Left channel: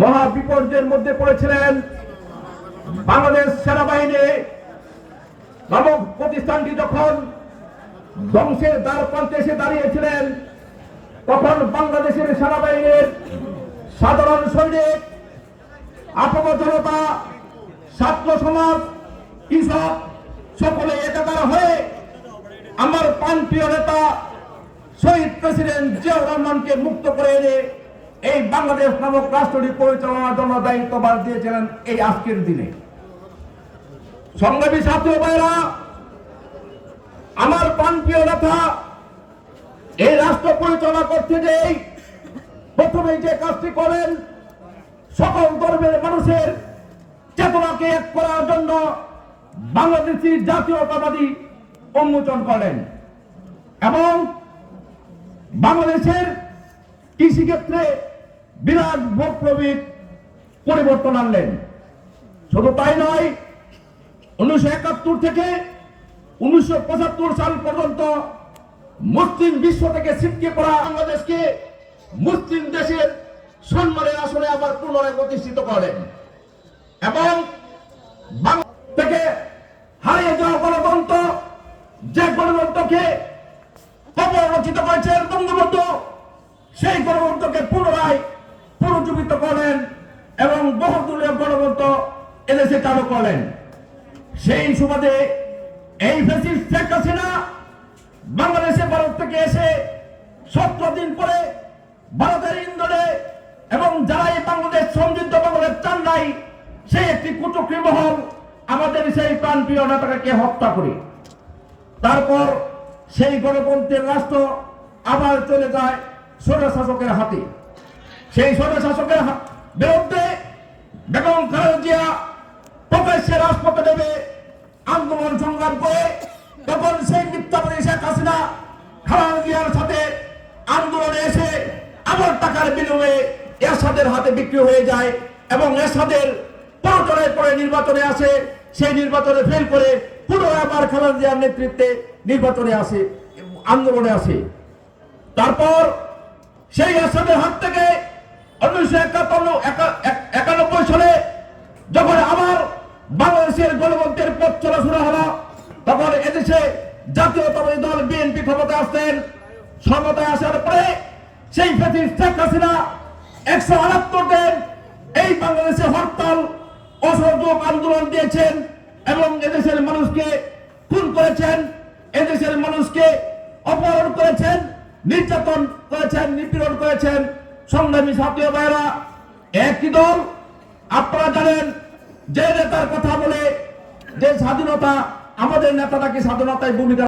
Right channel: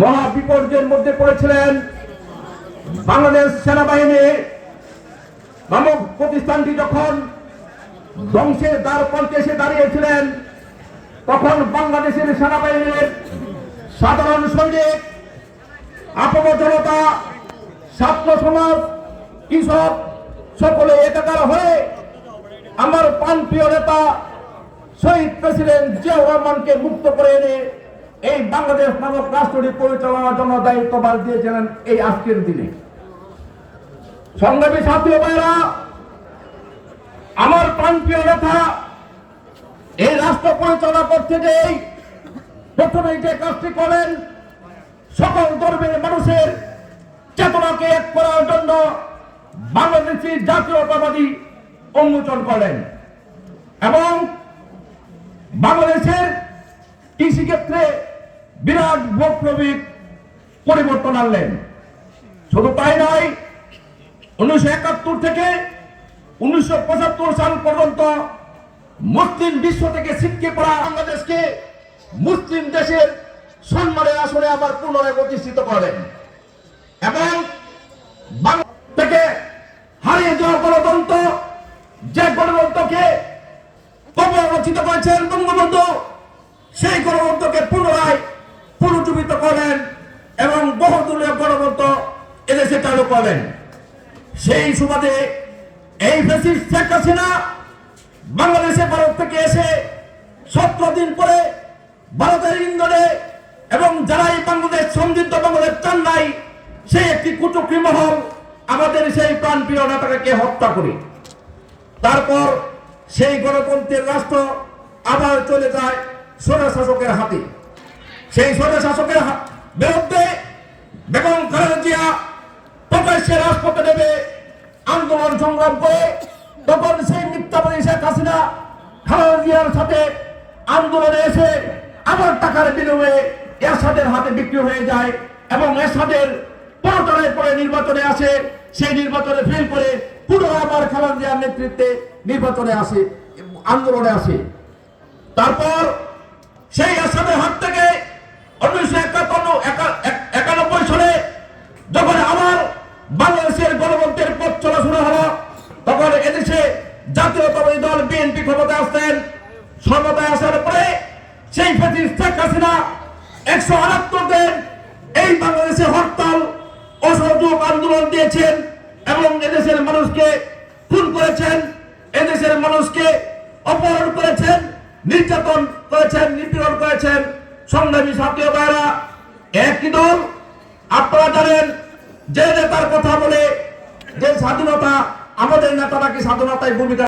মহা বিপর্যয়ের মধ্যে পড়েছিলেন। বাংলাদেশ সেনাবাহিনী নামক প্রতিষ্ঠানটি যখন ধ্বংসের দ্বার প্রান্তে এসে দাঁড়িয়েছিলেন, তখন বাংলাদেশের সেনাবাহিনীর সাধারণ সৈনিক, আপন জনতা, ছাত্র সমাজ, কৃষক সকলে একাকার হয়ে আমার প্রাণপ্রিয় নেতা শহীদ প্রেসিডেন্ট জিয়াউর রহমানকে মুক্ত করে এনে এই বাংলাদেশ নামক রাষ্ট্রটি পরিচালনার জন্য দায়িত্বভার দিয়েছিলেন। এই আজকের দিনে সংগ্রামী ছাত্র ভাইরা, আমার প্রাণপ্রিয় নেতা এই রাষ্ট্র পরিচালনা করতে গিয়ে প্রথমে যে কাজটি করেন, সকল ধর্মের মানুষের চেতনাকে এক করার জন্য বাংলাদেশি জাতীয়তাবাদী উন্মোচন করেন এবং বাংলাদেশের কৃষিক্ষেত্রে বিরাট বৈপ্লবিক পরিবর্তন আনলেন। শুধু তাই নয়, 1971 থেকে 1975 সাল পর্যন্ত মুসলিম বিশ্ব থেকে ছিটকে পড়া বাংলাদেশকে মুসলিম দেশের সম্মানের আসনে আবার পুনরায় প্রতিষ্ঠিত করেন এবং থেকে হারিয়ে যাওয়া গণতন্ত্র, যে গণতন্ত্রকে অপরচিত করেছেন বঙ্গবন্ধু, সেই গণতন্ত্রকে পুনরায় পুনর্জীবিত করেন এবং বহুদলীয় গণতন্ত্র এদেশে চালু করেন। সেই সুবাদে এই ফ্যাসিস্ট শেখ হাসিনা বাংলাদেশে ভারত থেকে এসে 17 দিন পরে ভারতের ইন্ধনে এবং যারাই বাংলাদেশ সমৃদ্ধ বাংলাদেশ চান নাই, সেই একটি কুচক্রী মহল আমাদের সেই প্রাণপ্রিয় নেতাকে হত্যা করে তারপর সেই গণতন্ত্রের রাষ্ট্র আবার চলে যায় স্বৈর শাসকের হাতে। সেই স্বৈর শাসকের বিরুদ্ধে বেগম খালেদা জিয়া প্রকাশ্যে রাজপথে নেমে আন্দোলন সংগ্রাম করে, তখন সেই মিথ্যাবাদী শেখ হাসিনা খালেদা জিয়ার সাথে আন্দোলনে এসে আবার টাকার বিনিময়ে এরশাদের হাতে বিক্রি হয়ে যায় এবং এরশাদের প্ররোচনায় পরে নির্বাচনে আসে। সেই নির্বাচনে ফেল করে পুনরায় আবার খালেদা জিয়ার নেতৃত্বে নির্বাচনে আসে, আন্দোলনে আসে। তারপর সেই এরশাদের হাত থেকে 1991 সালে যখন আবার বাংলাদেশের গণতন্ত্রের পথ চলা শুরু হলো, তখন এদেশে জাতীয়তাবাদী দল বিএনপি ক্ষমতায় আসতেন। ক্ষমতায় আসার পরে সেই ফ্যাসিস্ট শেখ হাসিনা 178 দিন এই বাংলাদেশে হরতাল, অসহযোগ আন্দোলন দিয়েছেন এবং এদেশের মানুষকে খুন করেছেন, এদেশের মানুষকে অপহরণ করেছেন, নির্যাতন করেছেন, নিপীড়ন করেছেন। সংগ্রামী ছাত্র ভাইরা, একটি দল আপনারা জানেন যে নেতার কথা বলে যে স্বাধীনতা, আমাদের নেতা নাকি স্বাধীনতায় ভূমিকা